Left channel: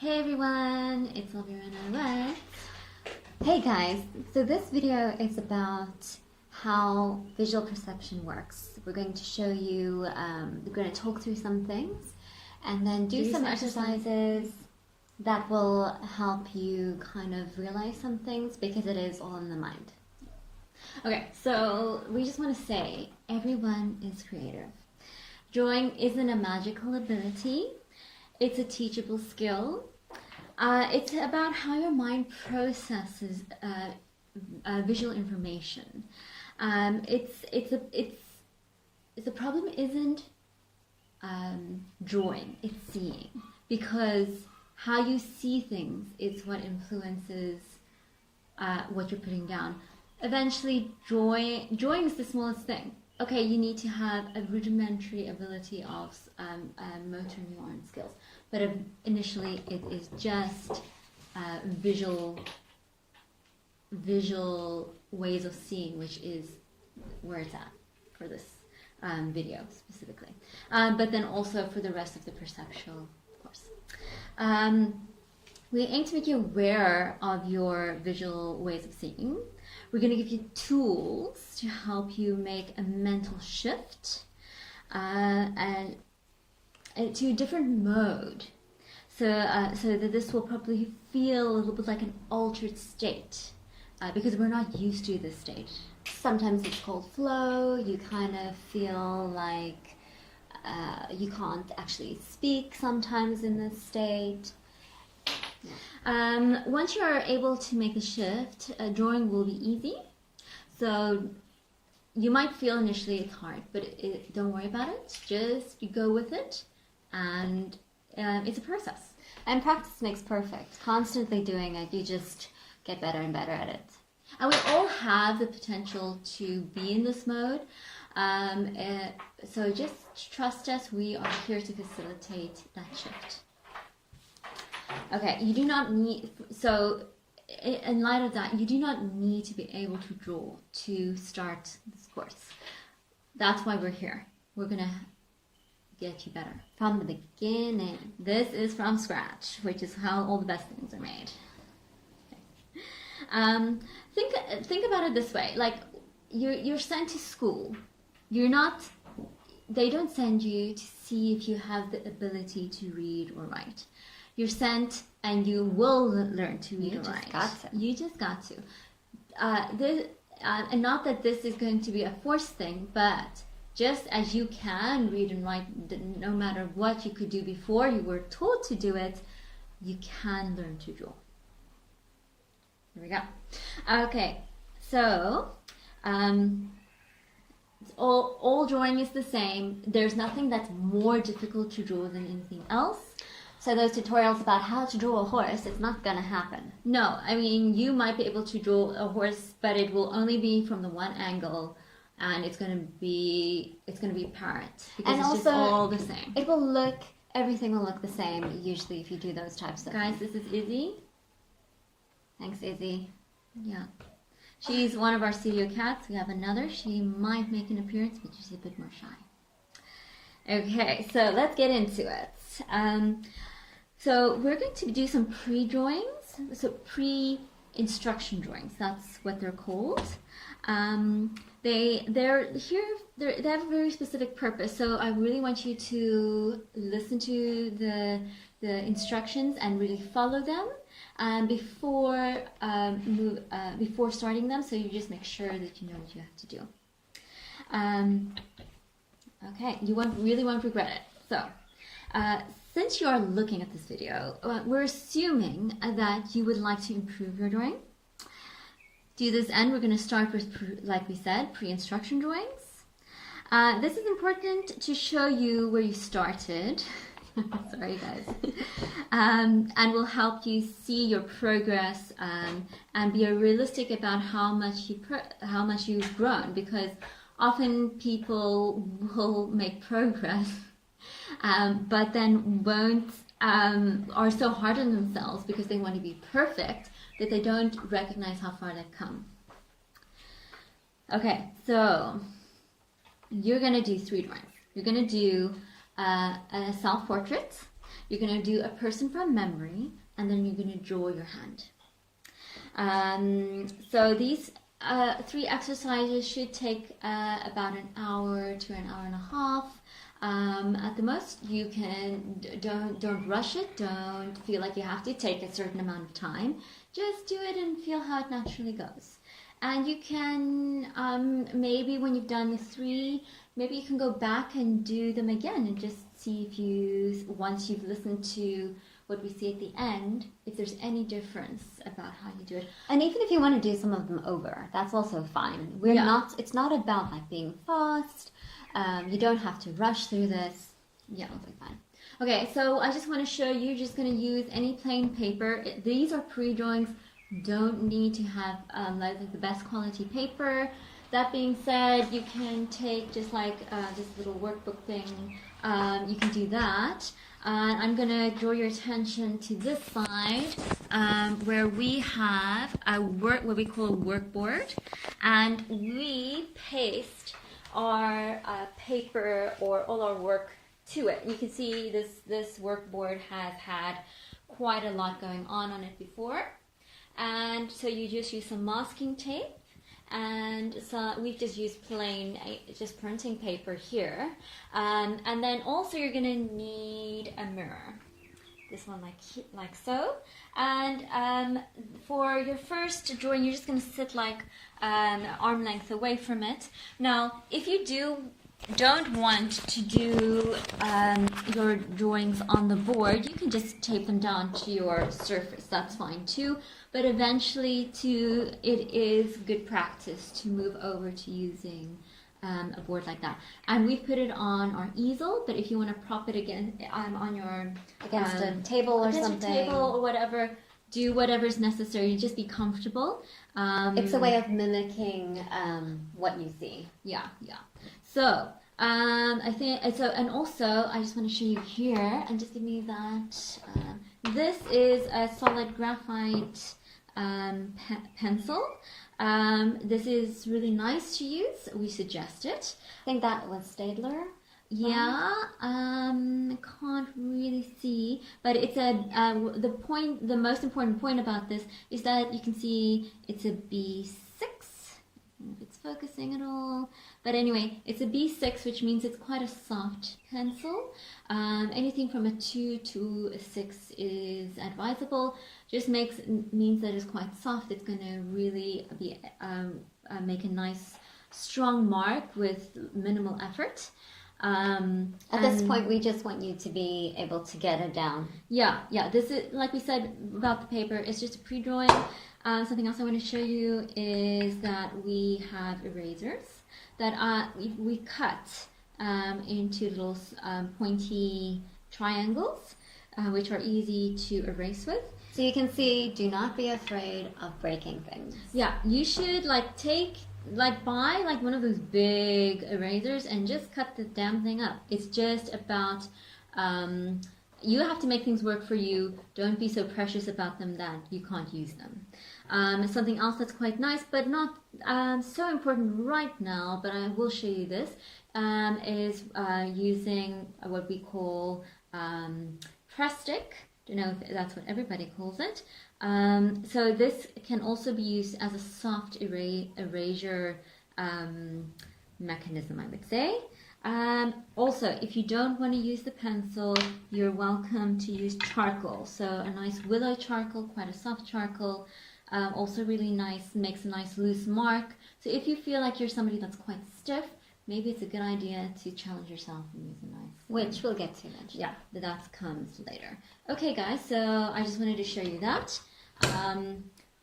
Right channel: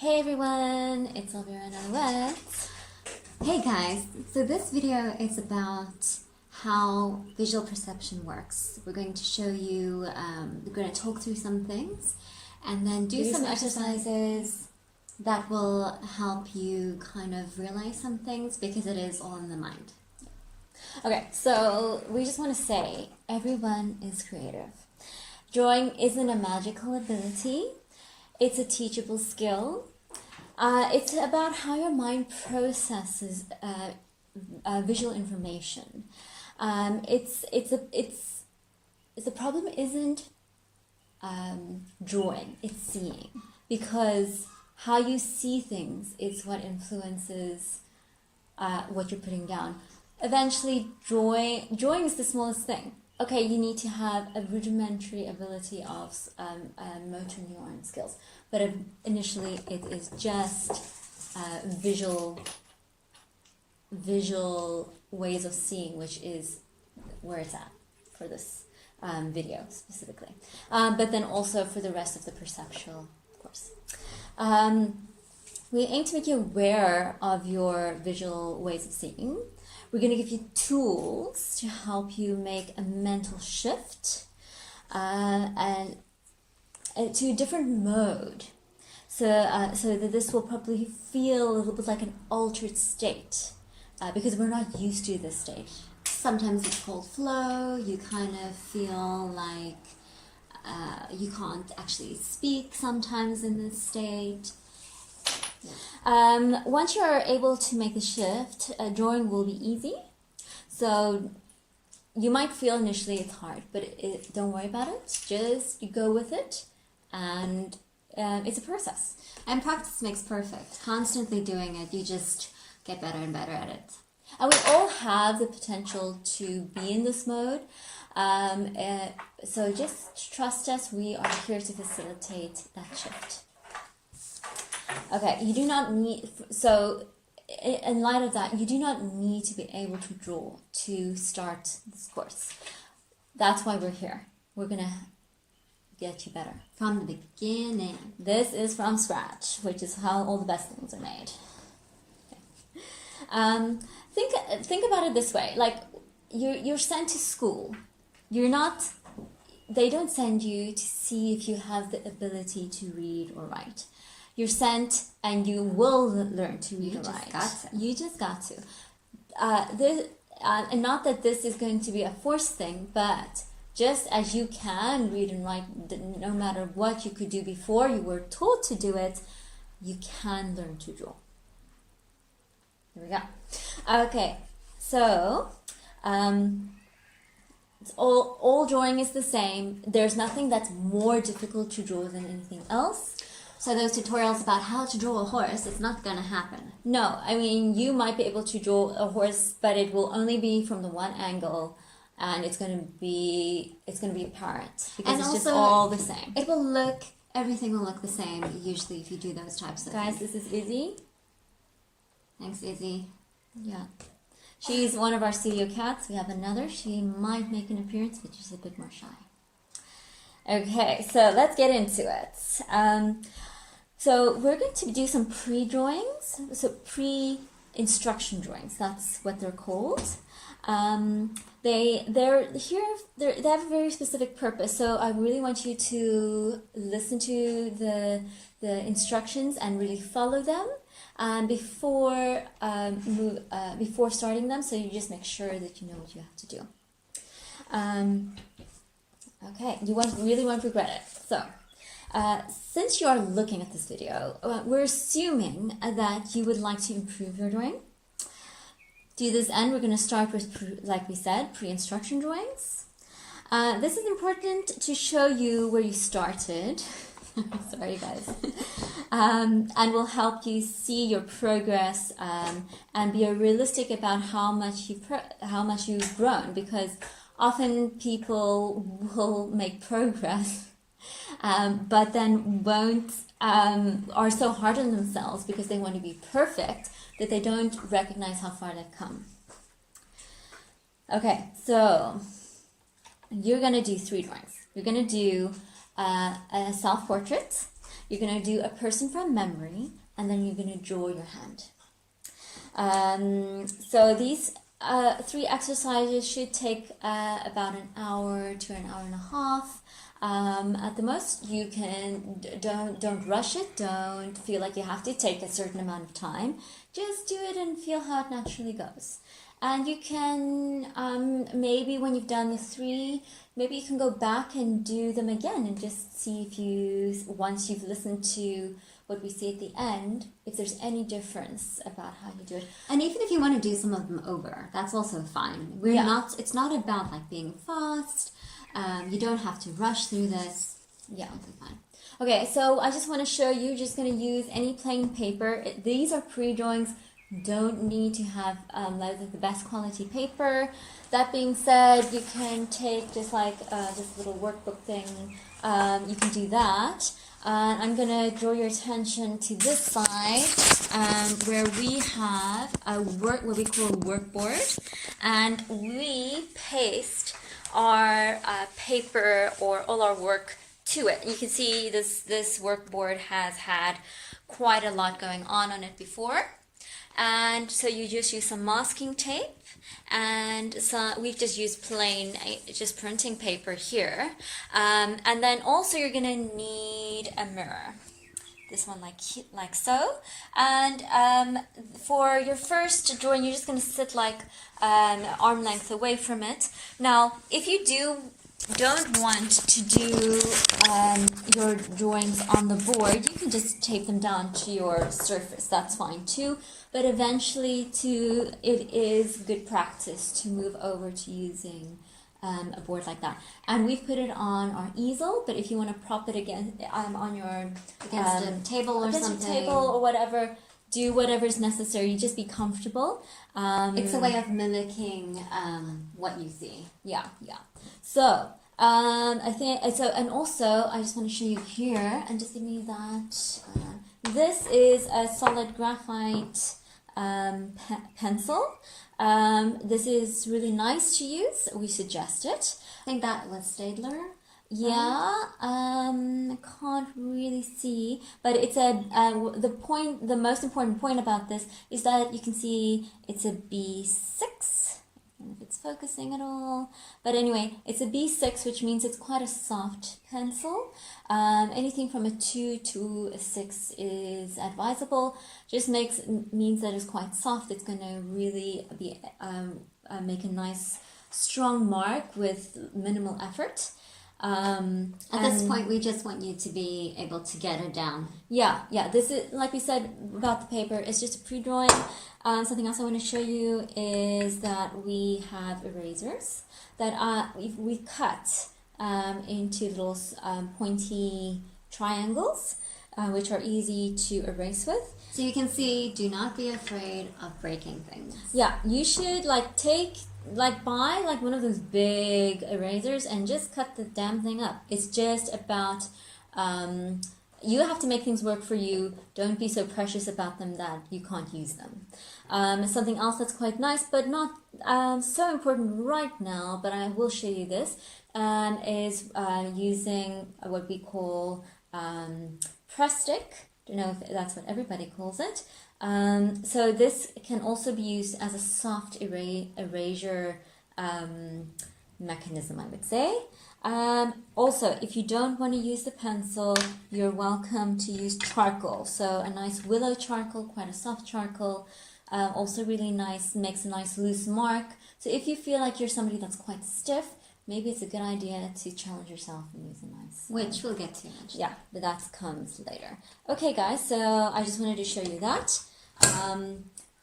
Hey everyone, it's Elvira Nonowet. Hey guys, so this video is about how visual perception works. We're going to show you, we're going to talk through some things and then do some exercises that will help you kind of realize some things because it is all in the mind. Okay, so we just want to say everyone is creative. Drawing isn't a magical ability. It's a teachable skill. It's about how your mind processes visual information. The problem isn't drawing; it's seeing, because how you see things is what influences what you're putting down. Eventually, drawing is the smallest thing. Okay, you need to have a rudimentary ability of motor neuron skills, but initially it is just visual ways of seeing, which is where it's at for this video specifically. But then also for the rest of the perceptual, of course. We aim to make you aware of your visual ways of seeing. We're going to give you tools to help you make a mental shift and to a different mode. So that this will probably feel a little bit like an altered state because we're not used to this state. Sometimes it's called flow. You kind of feel like you can't actually speak sometimes in this state. Once you're able to make the shift, drawing will be easy. So you might feel initially it's hard, but don't worry about it. Just go with it, and it's a process. And practice makes perfect. Constantly doing it, you just get better and better at it. And we all have the potential to be in this mode. So just trust us. We are here to facilitate that shift. Okay, you do not need, so in light of that, you do not need to be able to draw to start this course. That's why we're here. We're going to get you better from the beginning. This is from scratch, which is how all the best things are made. Okay. Think about it this way. Like, you're sent to school. They don't send you to see if you have the ability to read or write. You're sent and you will learn to read and write. You just got to. And not that this is going to be a forced thing, but just as you can read and write, no matter what you could do before you were taught to do it, you can learn to draw. Here we go. Okay, so all drawing is the same. There's nothing that's more difficult to draw than anything else. So those tutorials about how to draw a horse, it's not going to happen. No, I mean, you might be able to draw a horse, but it will only be from the one angle, and it's going to be apparent because and it's also, just all the same. Everything will look the same usually if you do those types of things. Guys, this is Izzy. Thanks, Izzy. Yeah. She's one of our studio cats. We have another. She might make an appearance, but she's a bit more shy. Okay, so let's get into it. So we're going to do some pre-drawings, so pre-instruction drawings. That's what they're called. They have a very specific purpose. So I really want you to listen to the instructions and really follow them before starting them. So you just make sure that you know what you have to do. Okay, you really won't regret it. So, since you are looking at this video, we're assuming that you would like to improve your drawing. To this end, we're going to start with, like we said, pre-instruction drawings. This is important to show you where you started. Sorry, guys. And will help you see your progress and be realistic about how much you've grown, because often people will make progress, but then are so hard on themselves because they want to be perfect that they don't recognize how far they've come. Okay, so you're going to do 3 drawings. You're going to do a self-portrait. You're going to do a person from memory, and then you're going to draw your hand. So these 3 exercises should take about an hour to an hour and a half. At the most, you can don't rush it. Don't feel like you have to take a certain amount of time. Just do it and feel how it naturally goes. And you can maybe when you've done the 3, maybe you can go back and do them again and just see if once you've listened to what we say at the end, if there's any difference about how you do it. And even if you want to do some of them over, that's also fine. It's not about like being fast. You don't have to rush through this. Yeah, it'll be fine. Okay, so I just want to show you, just going to use any plain paper. These are pre-drawings. Don't need to have like the best quality paper. That being said, you can take just like this little workbook thing. You can do that. I'm going to draw your attention to this side where we have what we call a workboard, and we paste our paper or all our work to it. You can see this workboard has had quite a lot going on it before, and so you just use some masking tape, and so we've just used plain just printing paper here, and then also you're gonna need a mirror, this one like so, and for your first drawing you're just gonna sit like arm length away from it. Now if you don't want to do your drawings on the board, you can just tape them down to your surface, that's fine too. But eventually it is good practice to move over to using a board like that. And we've put it on our easel, but if you want to prop it against a table or something, a table or whatever, do whatever's necessary. You just be comfortable. It's a way of mimicking what you see. Yeah. So I think so, and also I just want to show you here, and just give me that. This is a solid graphite pencil. This is really nice to use. We suggest it. I think that was Staedtler. Yeah, I can't really see, but it's the most important point about this is that you can see it's a B6. I don't know if it's focusing at all, but anyway, it's a B6, which means it's quite a soft pencil. Anything from a 2 to a 6 is advisable. Just means that it's quite soft. It's going to really be make a nice strong mark with minimal effort. At this point, we just want you to be able to get it down. Yeah. This is, like we said about the paper, it's just a pre-drawing. Something else I want to show you is that we have erasers that we cut into little pointy triangles, which are easy to erase with. So you can see, do not be afraid of breaking things. Yeah, you should buy one of those big erasers and just cut the damn thing up. It's just about you have to make things work for you. Don't be so precious about them that you can't use them. Something else that's quite nice, but not so important right now, but I will show you this, is using what we call press stick. I don't know if that's what everybody calls it. So this can also be used as a soft erasure mechanism, I would say. Also, if you don't want to use the pencil, you're welcome to use charcoal. So a nice willow charcoal, quite a soft charcoal, also really nice, makes a nice loose mark. So if you feel like you're somebody that's quite stiff, maybe it's a good idea to challenge yourself and use a nice... Which we'll get to eventually. Yeah, but that comes later. Okay, guys, so I just wanted to show you that.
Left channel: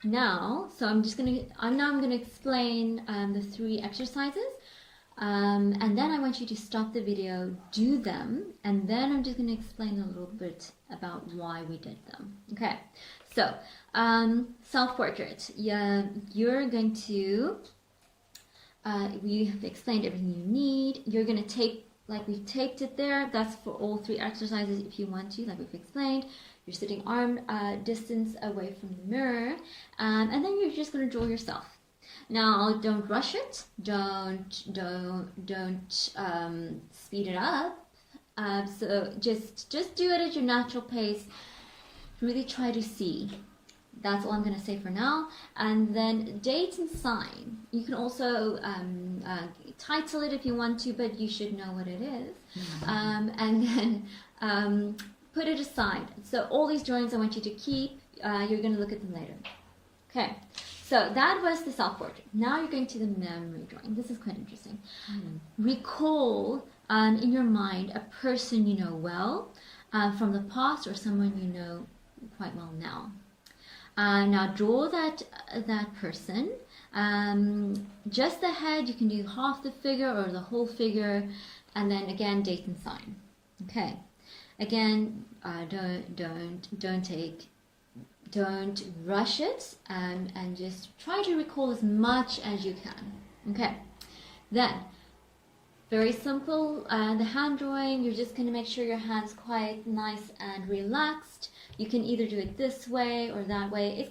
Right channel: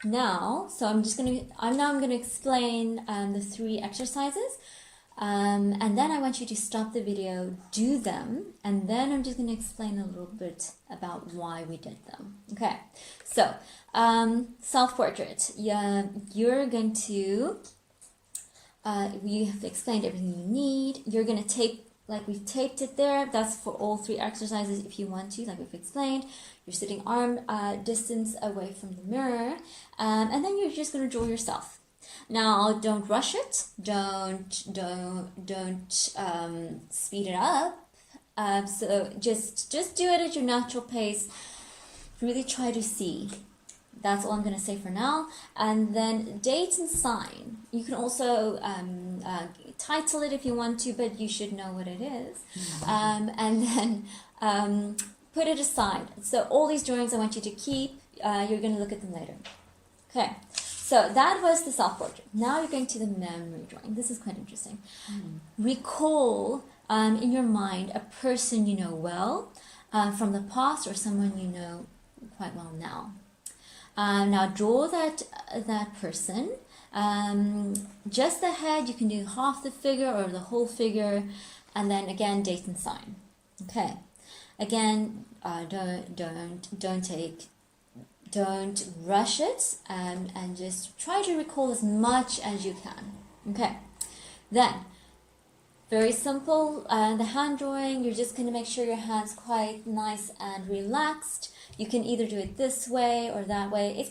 Now I'm going to explain the 3 exercises. And then I want you to stop the video, do them, and then I'm just going to explain a little bit about why we did them. Okay, so self-portrait. You're going to... we have explained everything you need. You're going to tape, like we've taped it there. That's for all 3 exercises if you want to, like we've explained. You're sitting arm distance away from the mirror. And then you're just going to draw yourself. Now, don't rush it. Don't speed it up. So just do it at your natural pace. Really try to see. That's all I'm going to say for now. And then date and sign. You can also title it if you want to, but you should know what it is. And then put it aside. So all these drawings I want you to keep. You're going to look at them later. Okay. So that was the self-portrait. Now you're going to the memory drawing. This is quite interesting. Recall in your mind a person you know well from the past or someone you know quite well now. Now draw that person. Just the head. You can do half the figure or the whole figure, and then again date and sign. Okay. Again, don't rush it, and just try to recall as much as you can. Okay. Then, very simple. The hand drawing. You're just going to make sure your hand's quite nice and relaxed. You can either do it this way or that way.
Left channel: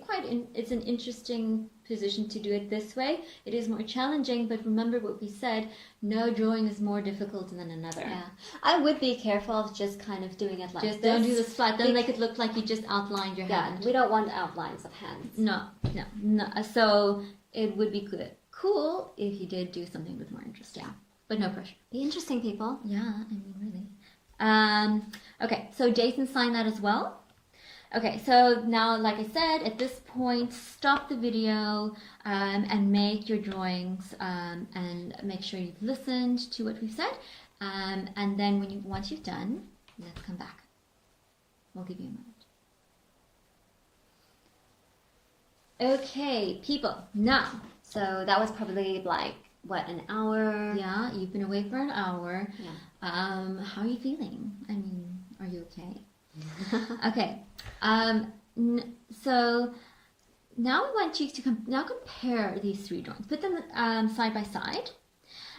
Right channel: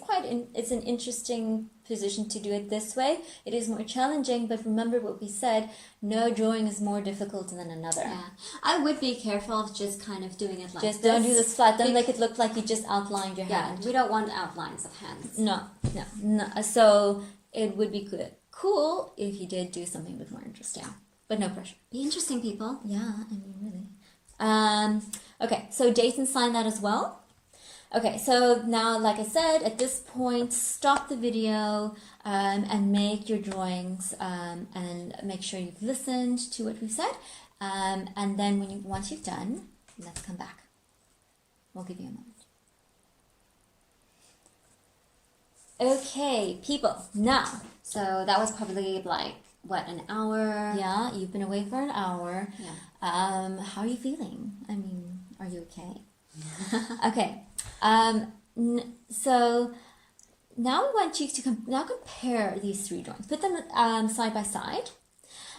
It's an interesting position to do it this way. It is more challenging, but remember what we said, no drawing is more difficult than another. Yeah. I would be careful of just kind of doing it like just this. Don't do this flat. Don't make it look like you just outlined your hand. We don't want outlines of hands. No. So it would be cool if you did do something a bit more interesting. Yeah. But no pressure. Be interesting, people. Yeah, I mean, really. Okay, so date and sign that as well. Okay, so now, like I said, at this point, stop the video and make your drawings and make sure you've listened to what we've said. And then once you've done, let's come back. We'll give you a moment. Okay, people, now. So that was probably like, what, an hour? Yeah, you've been away for an hour. Yeah. How are you feeling? I mean, are you okay? Okay. So now we want you to compare these three drawings. Put them side by side.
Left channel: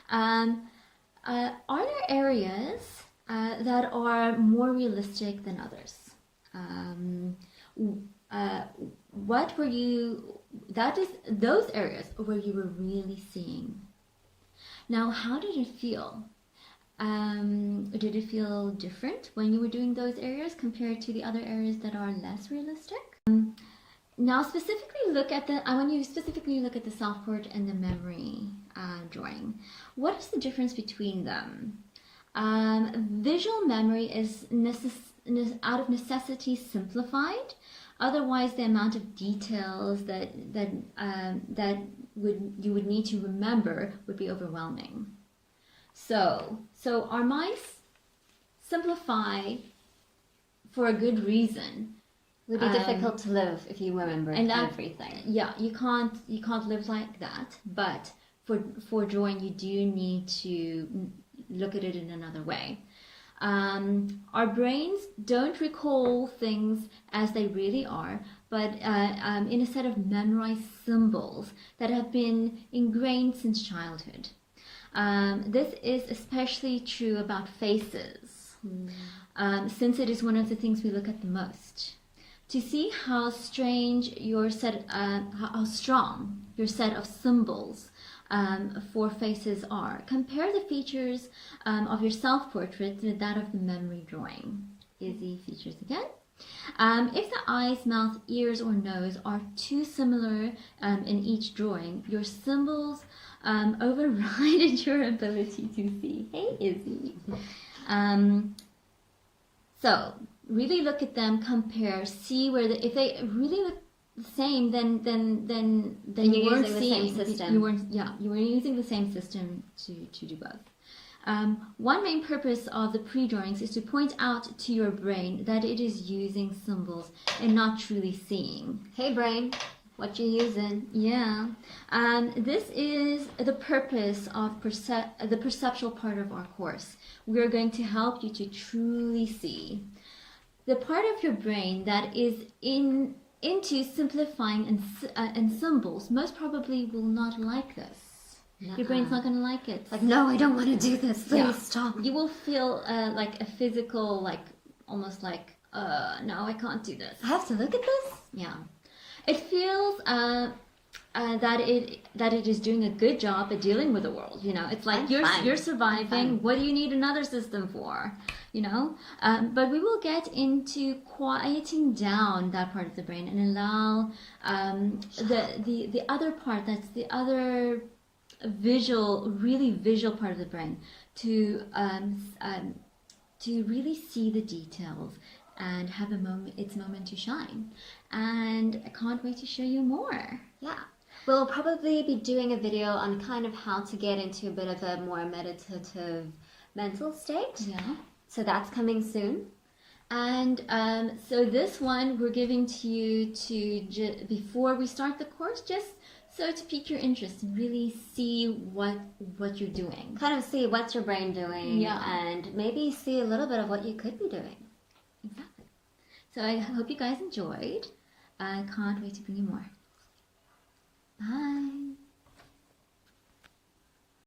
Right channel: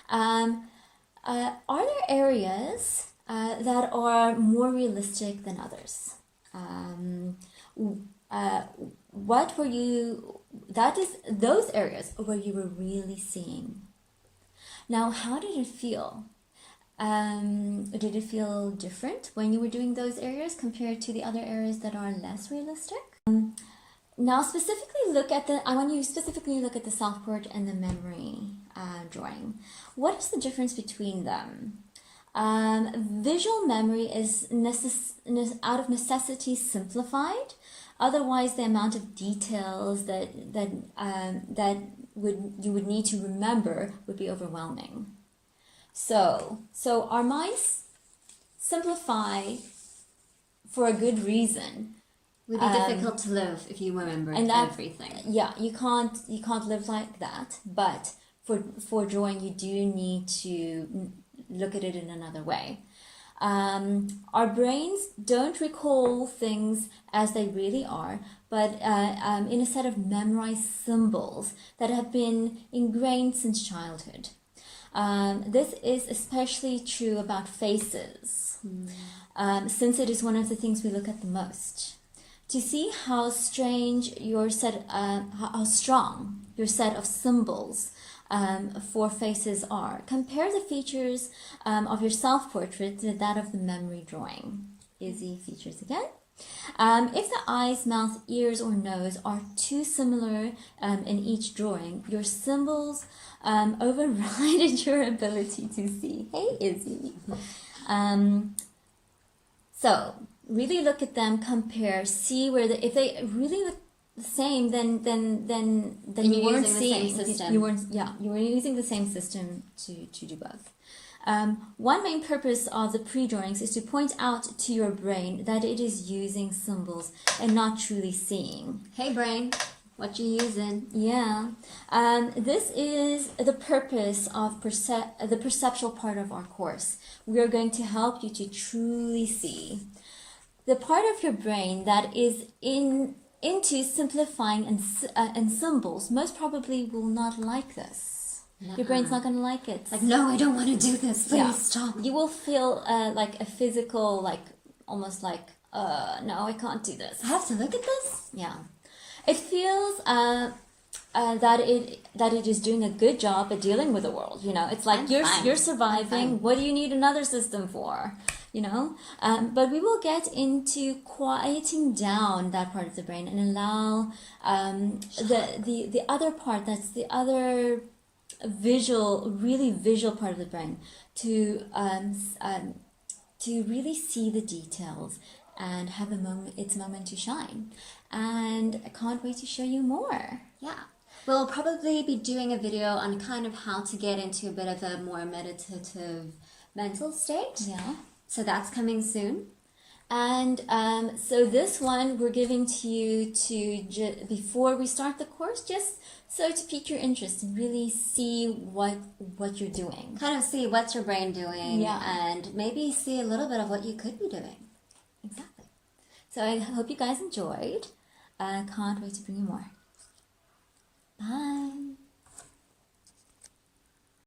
Are there areas that are more realistic than others? What were you? That is those areas where you were really seeing. Now, how did it feel? Did it feel different when you were doing those areas compared to the other areas that are less realistic? Now, I want you to specifically look at the self-portrait and the memory drawing. What is the difference between them? Visual memory is out of necessity simplified. Otherwise, the amount of details that you would need to remember would be overwhelming. So our minds simplify for a good reason. It would be difficult to live if you remembered everything. Yeah, you can't live like that. But for drawing, you do need to look at it in another way. Our brains don't recall things as they really are, but in a set of memorized symbols that have been ingrained since childhood. This is especially true about faces, since it is one of the things we look at the most. To see how strong your set of symbols for faces are, compare the features of your self-portrait to that of the memory drawing. Izzy features again. If the eyes, mouth, ears, or nose are too similar in each drawing, your symbols override your ability to see. Hey, Izzy. So really look at them, compare, see where if they really look the same, then you weren't using the same system. You were using the same system to do both. One main purpose of the pre-drawings is to point out to your brain that it is using symbols and not truly seeing. Hey brain, what you using? Yeah. This is the purpose of the perceptual part of our course. We are going to help you to truly see. The part of your brain that is into simplifying and symbols most probably will not like this. Your brain's not going to like it. Like, no, I don't want to do this. Please stop. You will feel like a physical, almost like, no, I can't do this. I have to look at this? Yeah. It feels that it is doing a good job at dealing with the world. You know, it's like you're surviving. What do you need another system for? you know. But we will get into quieting down that part of the brain and allow the other part, that's the other really visual part of the brain, to really see the details and have its moment to shine. And I can't wait to show you more. Yeah. We'll probably be doing a video on kind of how to get into a bit of a more meditative mental state. Yeah. So that's coming soon. And so this one we're giving to you before we start the course, just so to pique your interest and really see what you're doing. Kind of see what's your brain doing, yeah. And maybe see a little bit of what you could be doing. Exactly. So I hope you guys enjoyed. I can't wait to bring you more. Bye.